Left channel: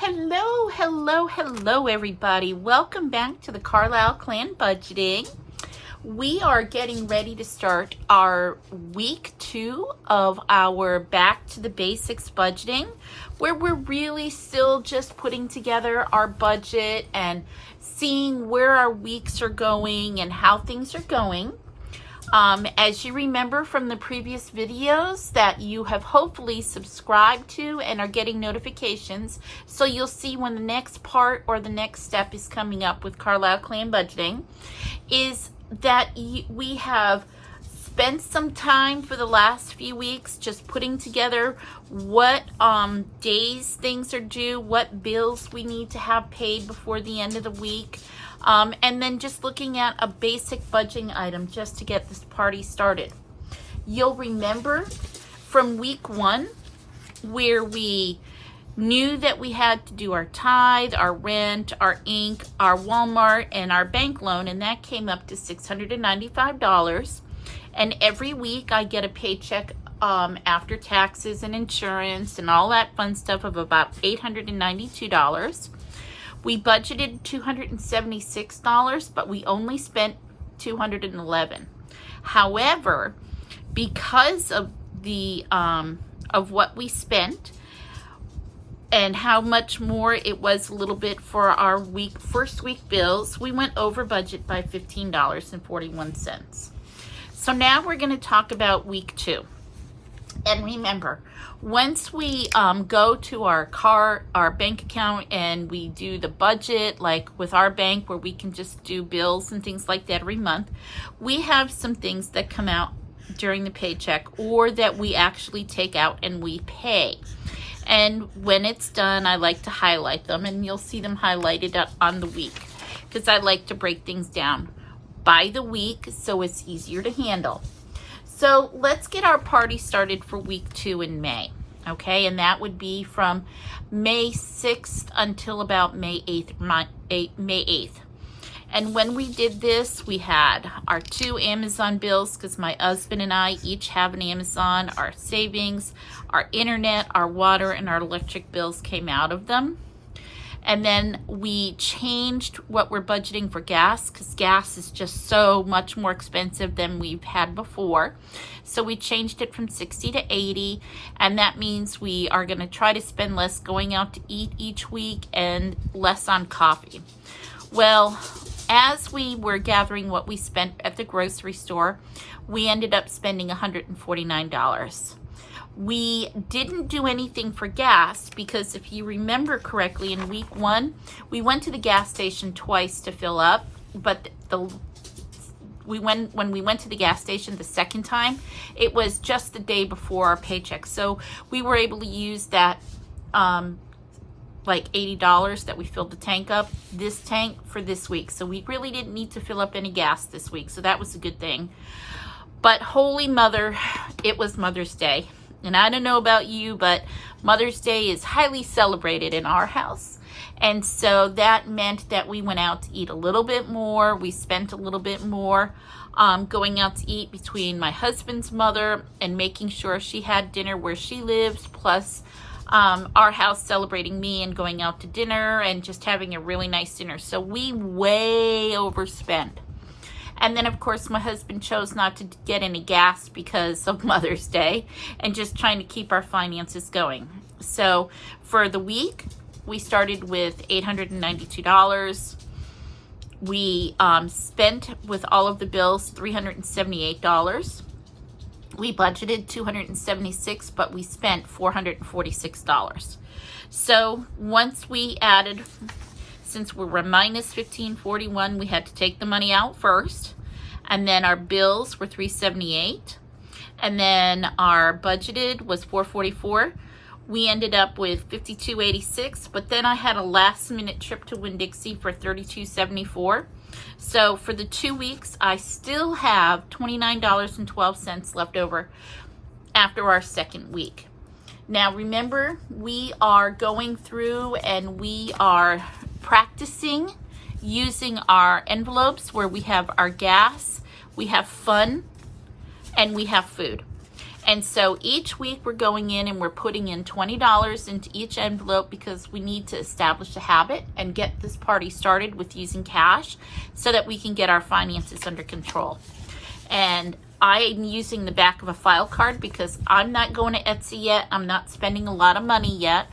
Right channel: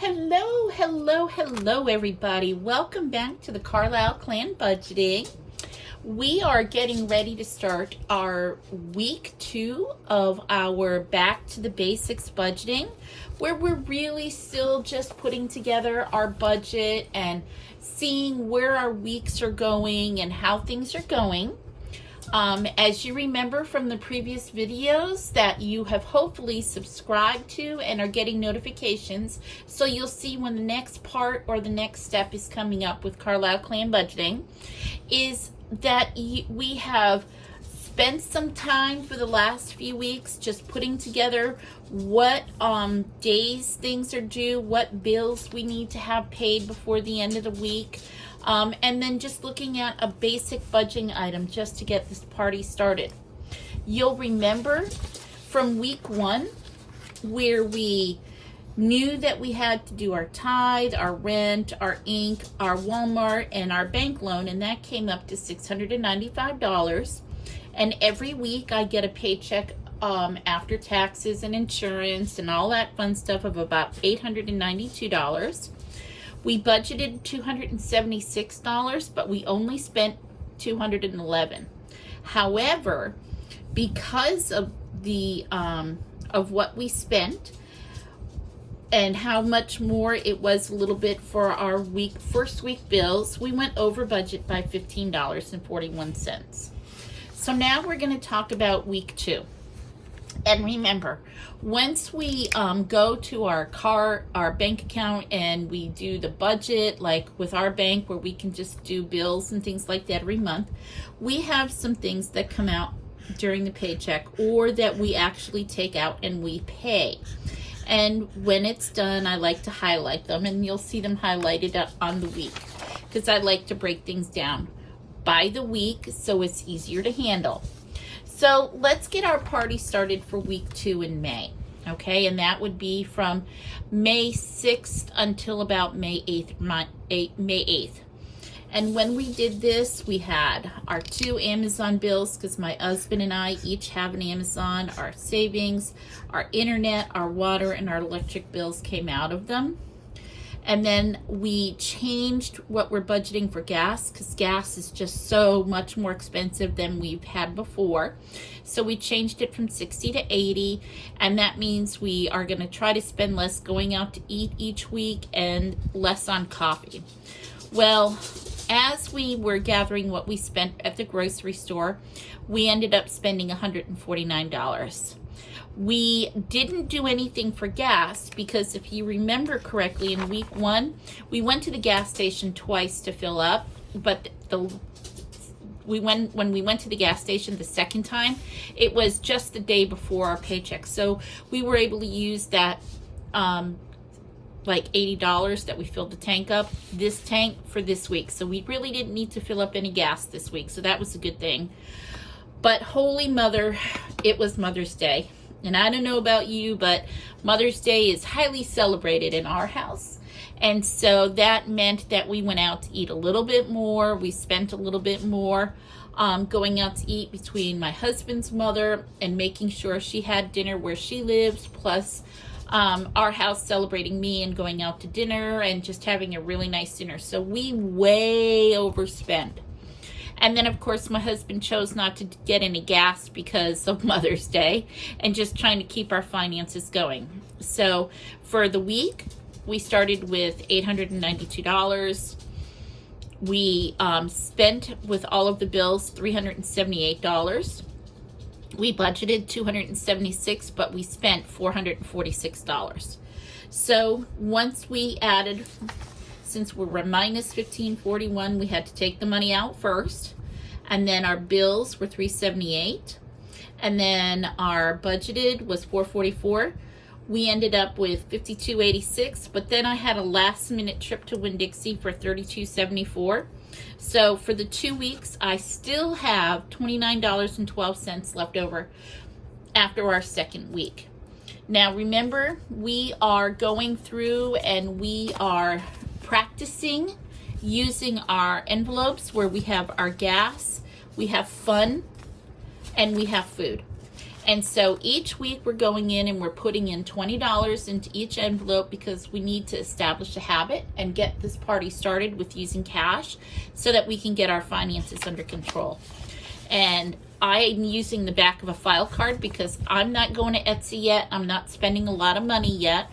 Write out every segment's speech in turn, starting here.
Hello, hello, hello everybody. Welcome back to the Carlisle Clan Budgeting. We are getting ready to start our week 2 of our Back to the Basics budgeting, where we're really still just putting together our budget and seeing where our weeks are going and how things are going. As you remember from the previous videos that you have hopefully subscribed to and are getting notifications, so you'll see when the next part or the next step is coming up with Carlisle Clan Budgeting, is that we have spent some time for the last few weeks just putting together what days things are due, what bills we need to have paid before the end of the week. And then just looking at a basic budgeting item just to get this party started. You'll remember from week 1 where we knew that we had to do our tithe, our rent, our ink, our Walmart, and our bank loan, and that came up to $695. And every week I get a paycheck after taxes and insurance and all that fun stuff of about $892. We budgeted $276, but we only spent $211. However, because of the of what we spent and how much more it was a little bit for our first week bills, we went over budget by $15.41. So now we're going to talk about week 2. And remember, once we go to our bank account and we do the budget, like with our bank where we can just do bills and things like that every month, we have some things that come out during the paycheck or that we actually take out and we pay. And when it's done, I like to highlight them, and you'll see them highlighted on the week because I like to break things down by the week so it's easier to handle. So let's get our party started for week 2 in May, okay? And that would be from May 6th until about May 8th. And when we did this, we had our 2 Amazon bills because my husband and I each have an Amazon, our savings, our internet, our water, and our electric bills came out of them. And then we changed what we're budgeting for gas because gas is just so much more expensive than we've had before. So we changed it from 60 to 80, and that means we are going to try to spend less going out to eat each week and less on coffee. Well, as we were gathering what we spent at the grocery store, we ended up spending $149. We didn't do anything for gas because if you remember correctly, in week 1, we went to the gas station twice to fill up, but when we went to the gas station the second time, it was just the day before our paycheck. So we were able to use that like $80 that we filled the tank up, this tank for this week. So we really didn't need to fill up any gas this week. So that was a good thing. But Holy Mother, it was Mother's Day. And I don't know about you, but Mother's Day is highly celebrated in our house. And so that meant that we went out to eat a little bit more. We spent a little bit more going out to eat between my husband's mother and making sure she had dinner where she lives, plus our house celebrating me and going out to dinner and just having a really nice dinner. So we way overspent. And then, of course, my husband chose not to get any gas because of Mother's Day and just trying to keep our finances going. So for the week, we started with $892. We spent with all of the bills $378. We budgeted $276, but we spent $446. So once we added, since we were minus $1,541, we had to take the money out first, and then our bills were $378, and then our budgeted was $444. We ended up with $52.86, but then I had a last-minute trip to Winn-Dixie for $32.74. So for the 2 weeks, I still have $29.12 left over after our second week. Now remember, we are going through and we are practicing using our envelopes where we have our gas, we have fun, and we have food. And so each week we're going in and we're putting in $20 into each envelope because we need to establish a habit and get this party started with using cash so that we can get our finances under control. And I'm using the back of a file card because I'm not going to Etsy yet. I'm not spending a lot of money yet.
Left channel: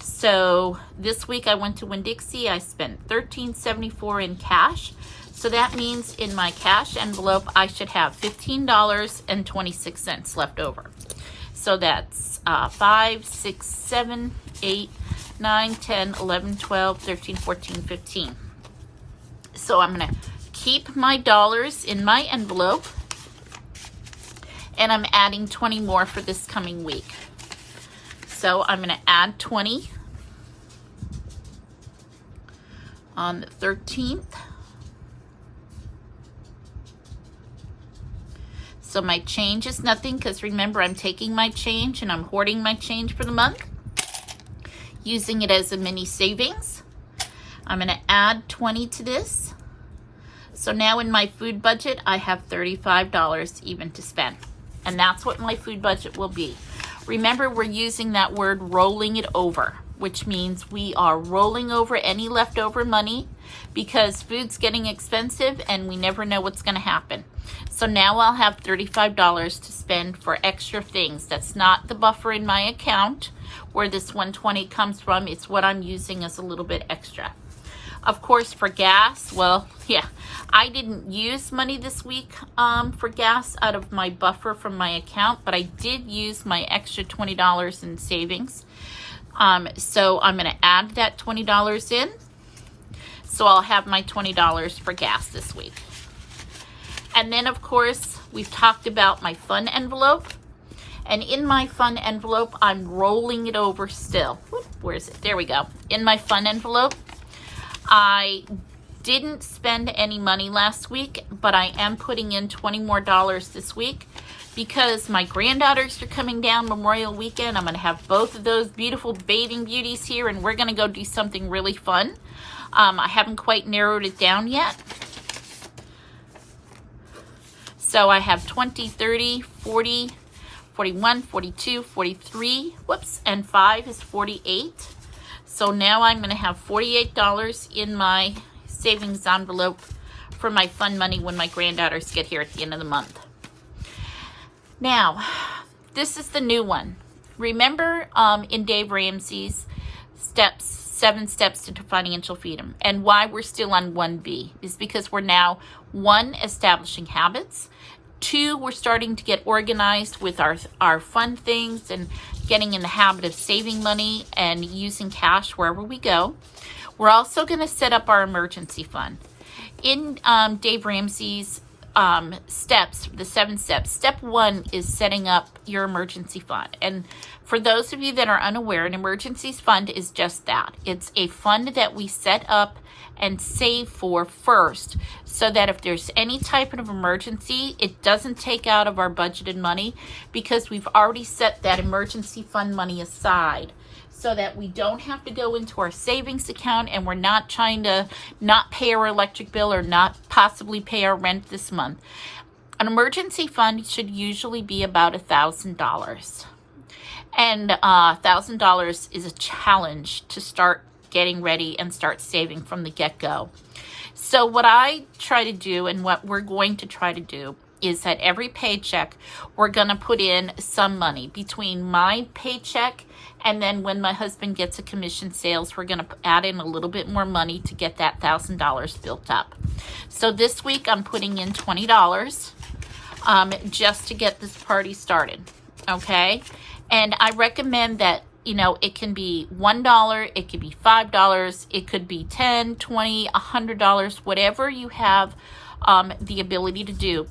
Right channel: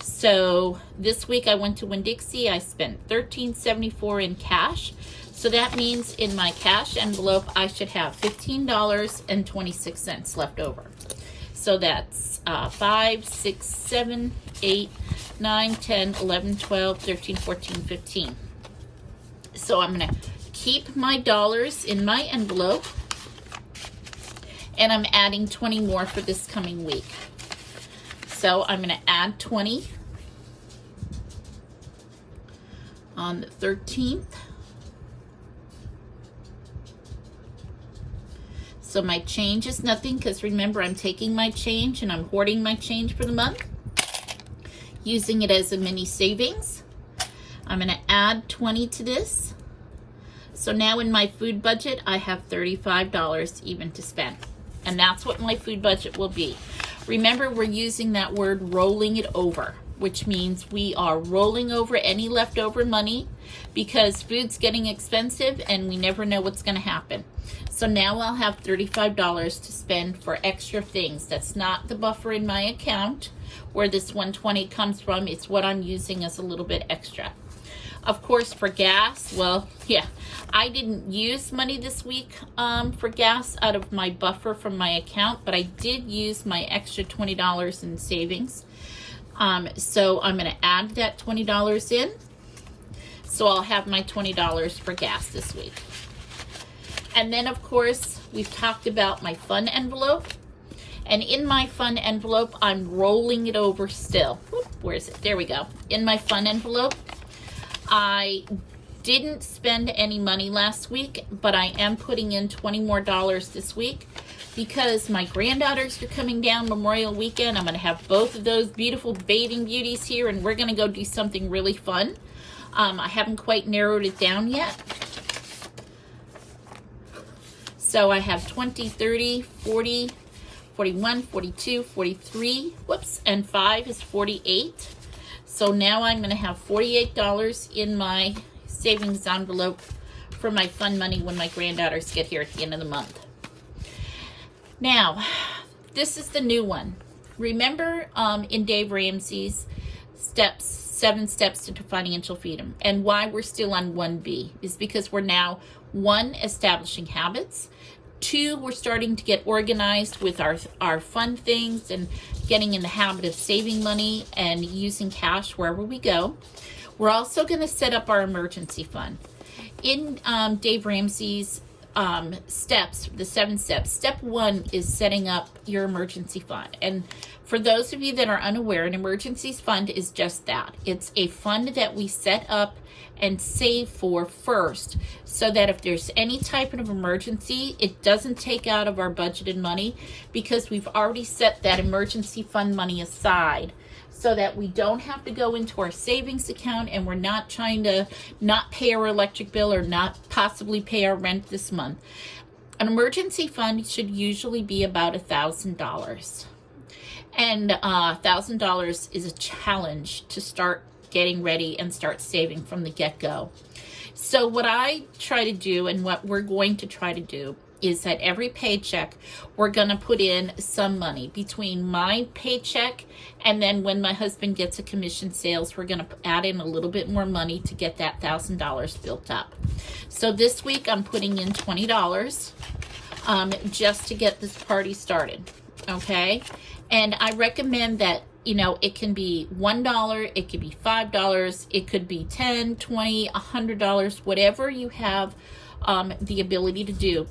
So this week I went to Winn-Dixie. I spent $13.74 in cash. So that means in my cash envelope, I should have $15.26 left over. So that's 5, 6, 7, 8, 9, 10, 11, 12, 13, 14, 15. So I'm gonna keep my dollars in my envelope, and I'm adding 20 more for this coming week. So I'm gonna add 20 on the 13th. So my change is nothing because remember, I'm taking my change and I'm hoarding my change for the month, using it as a mini savings. I'm going to add 20 to this. So now in my food budget, I have $35 even to spend. And that's what my food budget will be. Remember, we're using that word rolling it over, which means we are rolling over any leftover money because food's getting expensive and we never know what's going to happen. So now I'll have $35 to spend for extra things. That's not the buffer in my account where this 120 comes from. It's what I'm using as a little bit extra. Of course, for gas, well, yeah, I didn't use money this week for gas out of my buffer from my account, but I did use my extra $20 in savings. So I'm going to add that $20 in. So I'll have my $20 for gas this week. And then, of course, we've talked about my fun envelope. And in my fun envelope, I'm rolling it over still. Whoop, where is it? There we go. In my fun envelope, I didn't spend any money last week, but I am putting in $20 more this week because my granddaughters are coming down Memorial Weekend. I'm going to have both of those beautiful bathing beauties here, and we're going to go do something really fun. I haven't quite narrowed it down yet. So I have 20, 30, 40, 41, 42, 43, whoops, and 5 is 48. So now I'm going to have $48 in my savings envelope for my fun money when my granddaughters get here at the end of the month. Now, this is the new one. Remember in Dave Ramsey's 7 steps to financial freedom, and why we're still on 1B is because we're now 1, establishing habits. 2, we're starting to get organized with our fun things and getting in the habit of saving money and using cash wherever we go. We're also going to set up our emergency fund. In Dave Ramsey's steps, the 7 steps, step 1 is setting up your emergency fund. And for those of you that are unaware, an emergency fund is just that. It's a fund that we set up and save for first, so that if there's any type of emergency, it doesn't take out of our budgeted money because we've already set that emergency fund money aside so that we don't have to go into our savings account and we're not trying to not pay our electric bill or not possibly pay our rent this month. An emergency fund should usually be about $1,000. And $1,000 is a challenge to start getting ready and start saving from the get-go. So what I try to do and what we're going to try to do is that every paycheck, we're going to put in some money between my paycheck and then when my husband gets a commission sales, we're going to add in a little bit more money to get that $1,000 built up. So this week I'm putting in $20 just to get this party started, okay? And I recommend that, you know, it can be $1, it could be $5, it could be $10, $20, $100, whatever you have the ability to do.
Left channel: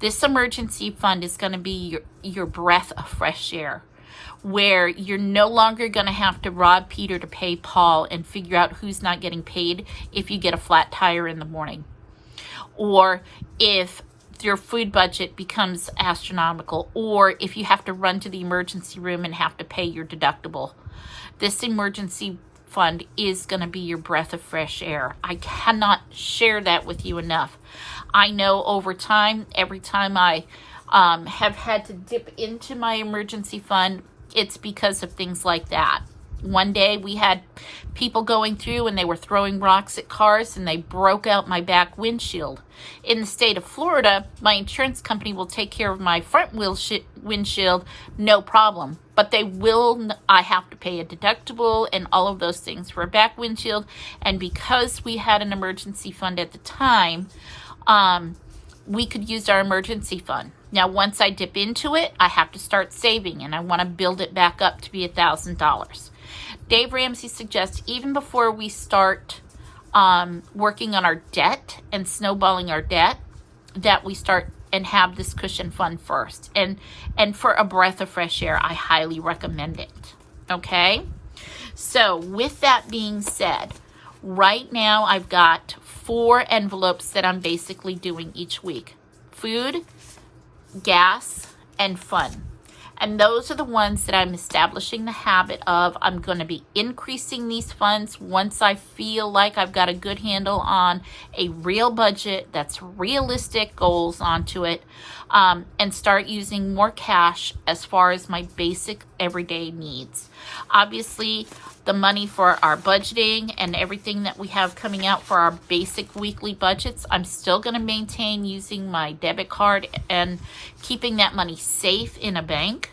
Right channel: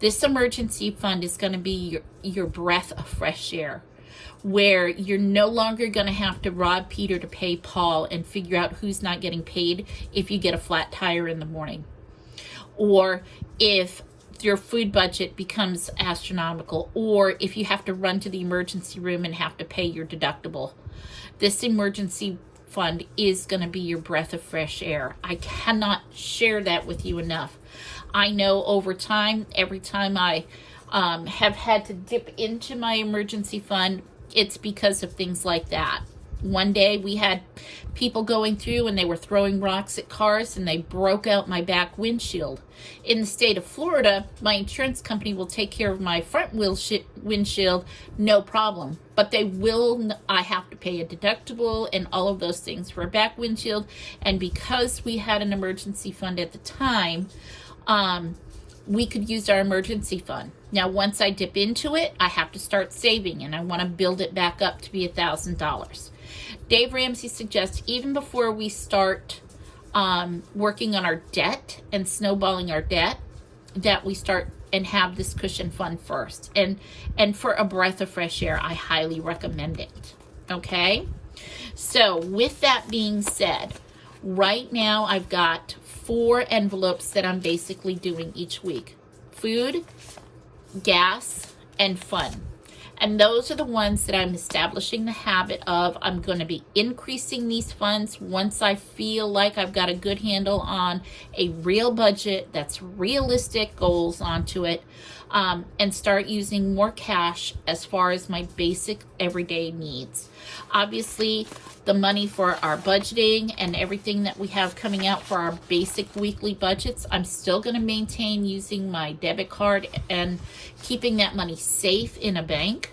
This emergency fund is going to be your breath of fresh air, where you're no longer going to have to rob Peter to pay Paul and figure out who's not getting paid if you get a flat tire in the morning, or if your food budget becomes astronomical, or if you have to run to the emergency room and have to pay your deductible. This emergency fund is going to be your breath of fresh air. I cannot share that with you enough. I know over time, every time I have had to dip into my emergency fund, it's because of things like that. One day we had people going through and they were throwing rocks at cars and they broke out my back windshield. In the state of Florida, my insurance company will take care of my front windshield, no problem. But I have to pay a deductible and all of those things for a back windshield. And because we had an emergency fund at the time, we could use our emergency fund. Now, once I dip into it, I have to start saving, and I want to build it back up to be $1,000. Dave Ramsey suggests even before we start working on our debt and snowballing our debt, that we start and have this cushion fund first. And for a breath of fresh air, I highly recommend it. Okay? So with that being said, right now I've got 4 envelopes that I'm basically doing each week. Food, gas, and fun. And those are the ones that I'm establishing the habit of. I'm going to be increasing these funds once I feel like I've got a good handle on a real budget that's realistic goals onto it, and start using more cash as far as my basic everyday needs. Obviously, the money for our budgeting and everything that we have coming out for our basic weekly budgets, I'm still going to maintain using my debit card and keeping that money safe in a bank.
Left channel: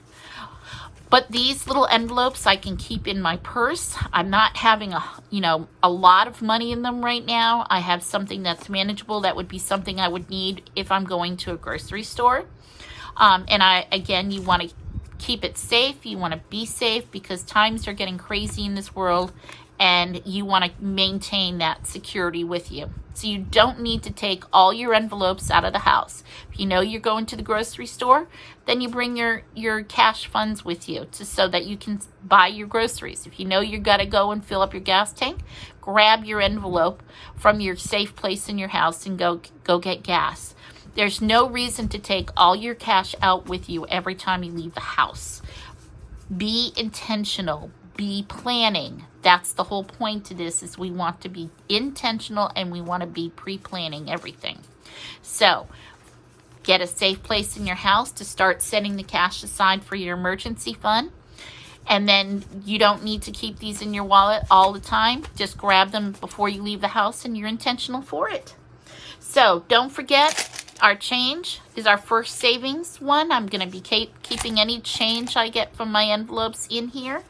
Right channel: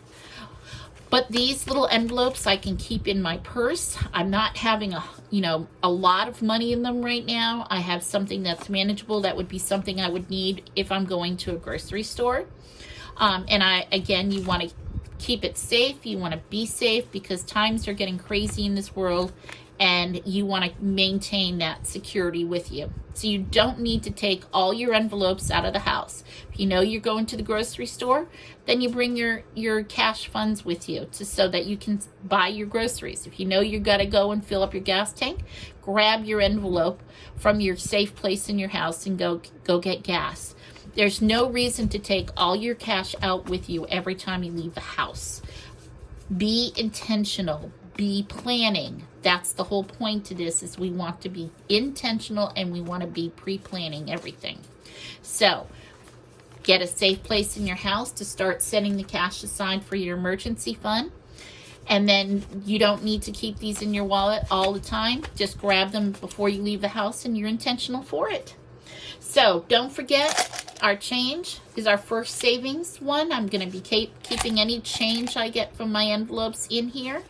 But these little envelopes I can keep in my purse. I'm not having a lot of money in them right now. I have something that's manageable. That would be something I would need if I'm going to a grocery store. And you want to keep it safe. You want to be safe because times are getting crazy in this world, and you want to maintain that security with you. So you don't need to take all your envelopes out of the house. If you know you're going to the grocery store, then you bring your cash funds with you so that you can buy your groceries. If you know you got to go and fill up your gas tank, grab your envelope from your safe place in your house and go get gas. There's no reason to take all your cash out with you every time you leave the house. Be intentional. Be planning. That's the whole point to this, is we want to be intentional and we want to be pre-planning everything. So get a safe place in your house to start setting the cash aside for your emergency fund. And then you don't need to keep these in your wallet all the time. Just grab them before you leave the house and you're intentional for it. So don't forget, our change is our first savings one. I'm going to be keeping any change I get from my envelopes in here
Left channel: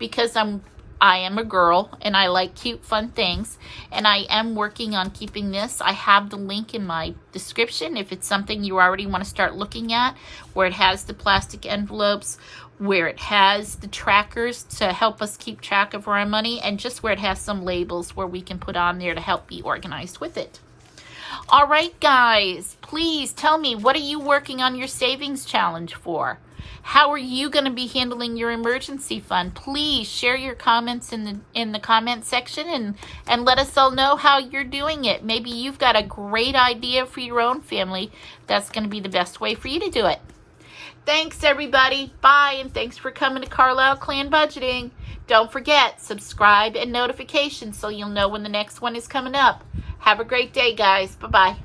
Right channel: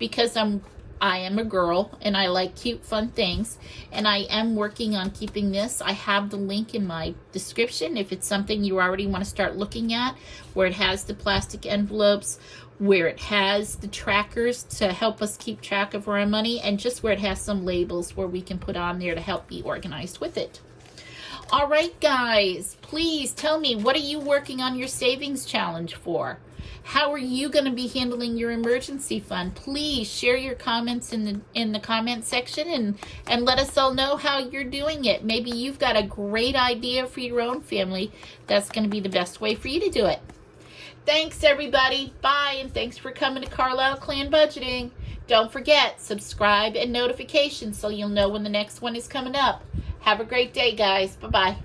because I am a girl and I like cute, fun things. And I am working on keeping this. I have the link in my description if it's something you already want to start looking at, where it has the plastic envelopes, where it has the trackers to help us keep track of our money, and just where it has some labels where we can put on there to help be organized with it. All right, guys, please tell me, what are you working on your savings challenge for? How are you going to be handling your emergency fund? Please share your comments in the comment section and let us all know how you're doing it. Maybe you've got a great idea for your own family that's going to be the best way for you to do it. Thanks, everybody. Bye, and thanks for coming to Carlisle Clan Budgeting. Don't forget, subscribe and notifications so you'll know when the next one is coming up. Have a great day, guys. Bye-bye.